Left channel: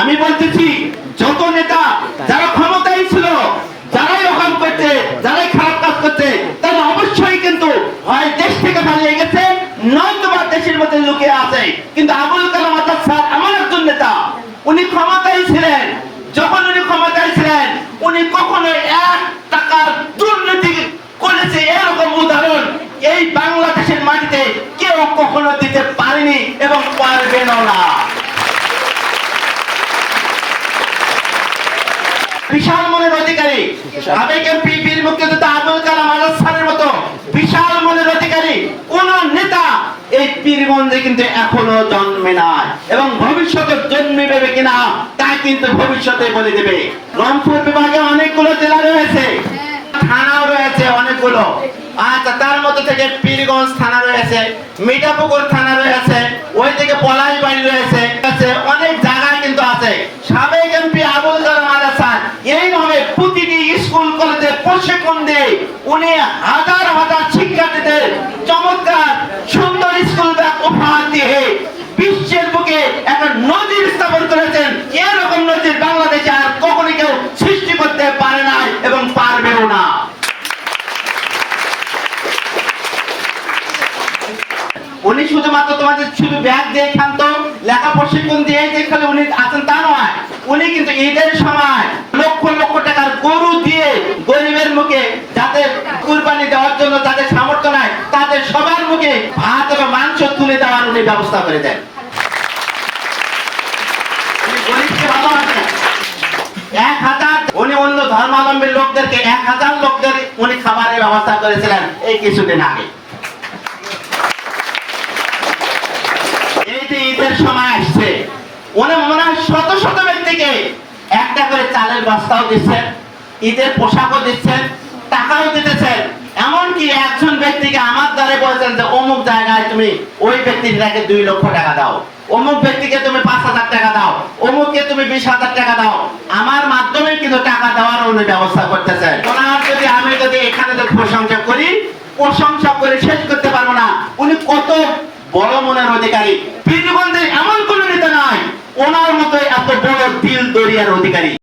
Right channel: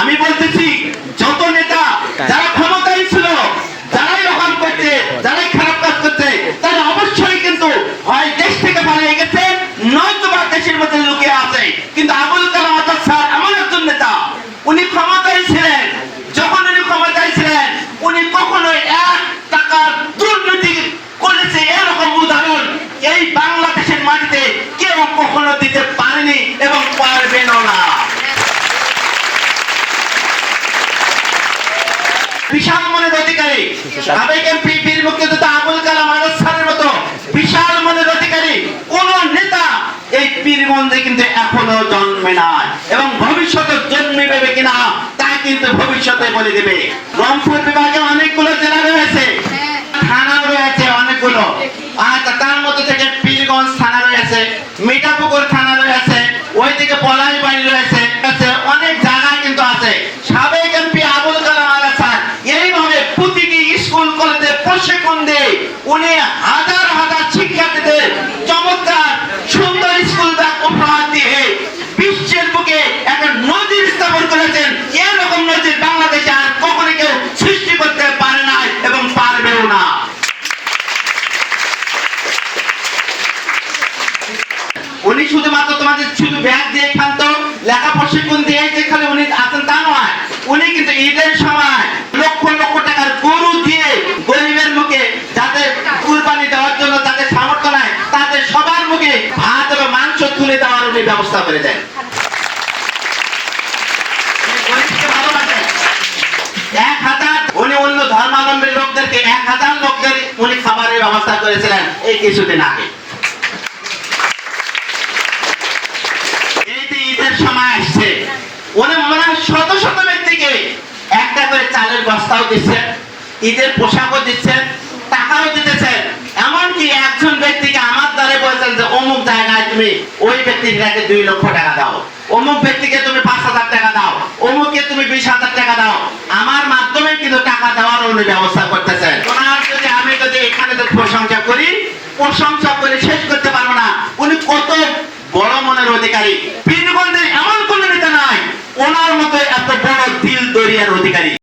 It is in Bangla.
আমি বলতেছি, যত নেতা যারা ক্ষমতায় ছিল, যারাই রকম করছে, যারাই খারাপ কাজ করছে, তারা অবশ্যই কিন্তু হয় দেশ থেকে পালিয়ে গেছে নয়তো বা দেশের মধ্যে লুকিয়ে আছে। কিন্তু আবুল কালাম আজাদ স্যার এমন একজন নেতা, উনি ক্ষমতায় ছিলেন। যখন উনি ক্ষমতায় ছিলেন, উনি কখনো এক টাকার দুর্নীতি করেছে এরকম উদাহরণ এই বাংলাদেশের মাটিতে কেউ কখনো দিতে পারেনি এবং পারবেনও না। বিশাল মনের অধিকারী। সাবেক এমপি বীর মুক্তিযোদ্ধা আবুল কালাম আজাদ স্যারের মতো বিশাল মনের অধিকারী কোন নেতা এই পীরগঞ্জে কিন্তু এখনও জন্মে নাই এবং ভবিষ্যতে জন্মিবে কিনা তা কিন্তু ভবিষ্যতে বলে দেবে। রংপুর বিভাগে অনেকগুলো জেলা রয়েছে। থানাও রয়েছে অনেকগুলো। আচ্ছা তার মধ্যে থেকে পীরগঞ্জ থানা রয়েছে। মিঠাপুকুর থানা উনি হাজার হাজার শিক্ষার্থীদের চমৎকার সুন্দর স্কুল ব্যাগ উপহার দিয়ে বিশ্বের বুকে একটা নজির স্থাপন করেছেন। এরকম নজির বাংলাদেশে আর কখনো কেউ সৃষ্টি করতে পারে না এবং পারবেও না। উনি শুধুমাত্র তোমাদের শুধু ব্যাগ দিয়ে খান্ত লেখা প্রশিক্ষণ দিয়ে যে খালি উনি আছেন তা নয় উনি কিন্তু ঈদের সময় লক্ষ লক্ষ টাকার গরু দিয়ে গরিবের মুখে যাদের কুরবানি দেওয়ার জন্য যাদের সামর্থ্য নাই তাদের সবার মুখে ভাত এবং মাংস তুলে দেওয়ার উনি ব্যবস্থা করে দেন। এক হাজার, উনি অন্য ধর্মাবলম্বী লোকদেরকে এক হাজার লোকদের উনি খাবারের ব্যবস্থা করেছিলেন এই কিছুদিন আগে ঈদের সময় আসছে, উনি মনে শত শত ব্যক্তিকে একটা করে চালের বস্তাও দিচ্ছেন, ঈদের পোশাকও দিচ্ছেন টাকাও দিতেছেন। এমনকি একজন ব্যক্তিকে আমার দ্বারে বলছেন যে, অমুক জায়গায় তুমি ওই ব্যক্তিটাকে দুই লক্ষ টাকা দাও। অমুক ব্যক্তিকে তুমি পাঁচ হাজার টাকা দাও। অমুককে তুমি বিশ হাজার টাকা দাও। আমার মাধ্যমে কিন্তু টাকা দেওয়ার উনি ব্যবস্থা করতেছেন। ওনার যদি আমি যদি এখানে তো প্রশংসা করি, প্রশংসা করে শেষ করতে পারব না। উনি কত বড় মনের অধিকারী। বীরগঞ্জের এমন কোন নেতা নাই। ওনার মতো এত বড় দিল দরিয়ার অধিকারী।